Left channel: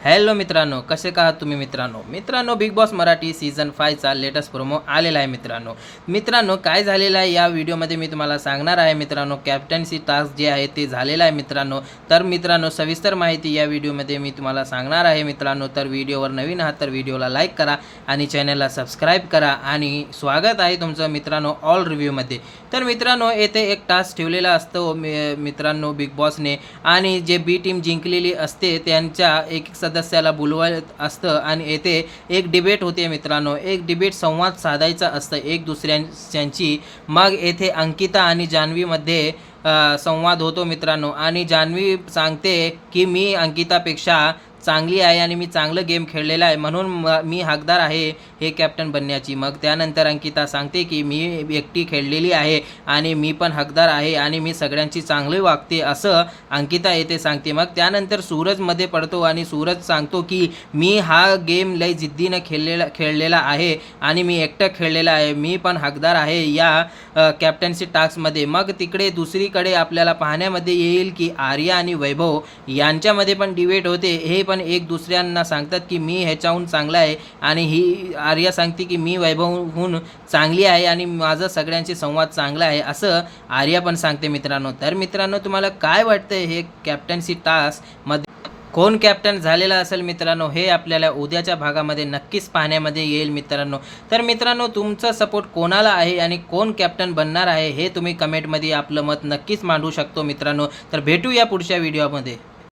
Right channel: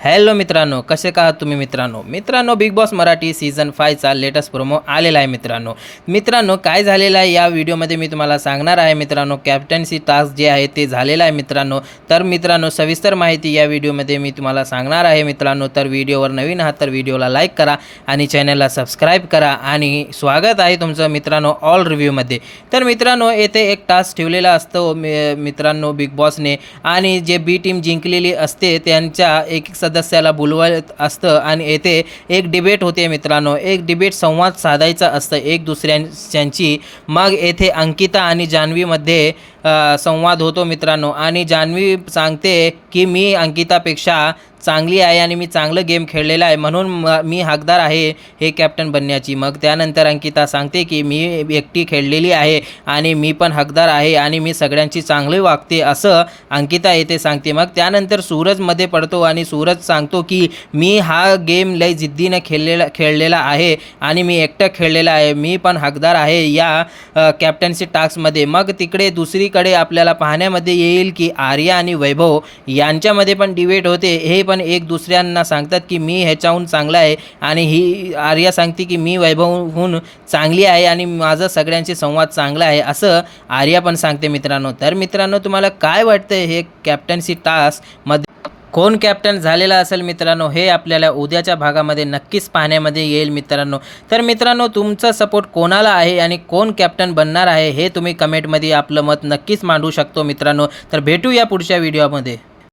Hello मित्रांनो, कसे का आहात तुम्ही मित्रांनो बिग बॉस मराठी सीझन 5चा लेटेस्ट प्रोमो आलेला आहे मित्रांनो काय झालेलं आहे या व्हिडिओमध्ये मी तुम्हाला सांगणार आहे मित्रांनो. कॅप्टन्सी टास्क जे आहे ते झालेलं आहे मित्रांनो. तर मित्रांनो सविस्तर माहिती या व्हिडिओमध्ये मी तुम्हाला सांगणार आहे मित्रांनो. तर व्हिडिओवर नवीन आहात तर व्हिडिओला लाईक करा आणि चॅनलला सबस्क्राईब करा आणि स्वागत आहे तुमचं मित्रांनो ऑल रिव्ह्यूमध्ये. तर मित्रांनो येथे एक टास्क ठेवलेला असतो मित्रांनो बिग बॉसने, आणि जे बी टीम जिंकलेली असते त्यांच्या एक सदस्याला बोलवत असतं आणि येथे एक डिबेट होते मित्रांनो. एक डिबेट संवाद साधायचा असतं एक दुसऱ्यांची. मग येथे अंकिता आणि जान्हवीमध्ये संवाद होतो मित्रांनो, आणि जान्हवी सांगते की मी अंकितापेक्षा चांगली आहे आणि मी चांगलं गेम खेळलेला आहे म्हणून मी हकदार आहे हे कॅप्टन बनण्याची. मग त्यानंतर अंकिता सांगते की मी एकटी खेळलेली आहे आणि मी पण हकदार आहे आणि मी सगळ्यांची चांगली वागते असं अंकिता येथे सांगते. मग त्यानंतर सूरजमध्ये पडतो आणि सूरज सांगतो की मी हा गेम लय जिद्दीने खेळलेला आहे आणि मी एकटं खेळलेला आहे, मी पण हकदार आहे या कॅप्टन्सी टास्कमध्ये. मग तिकडे दुसरीकडे आपल्याला पाहण्यामध्ये येईल की आर्या आणि वैभव यांच्यामध्ये पण डिबेट होते. हे पण एक दुसऱ्यांना सांगतात की मी ह्याच्याहून चांगला आहे, आणि ही आर्या सांगते की मी वैभवहून चांगली आहे आणि माझं सगळ्यांशी संवाद चांगला आहे असं आर्या पण सांगते मित्रांनो. तर मित्रांनो तुम्हाला काय वाटतं हे कॅप्टन्सी टास्कमध्ये कोण कॅप्टन झालेला असेल मित्रांनो, हे आपल्याला उद्याच्या भागामध्ये नक्कीच पाहण्यामध्ये येईल मित्रांनो. तर मित्रांनो तुमचा सपोर्ट कोणाला आहे आणि कोण कॅप्टन बनणार आहे हे तुम्ही कमेंटमध्ये आपलं मत नक्कीच मांडू शकतो मित्रांनो. तर भेटूया पुढच्या व्हिडिओमध्ये.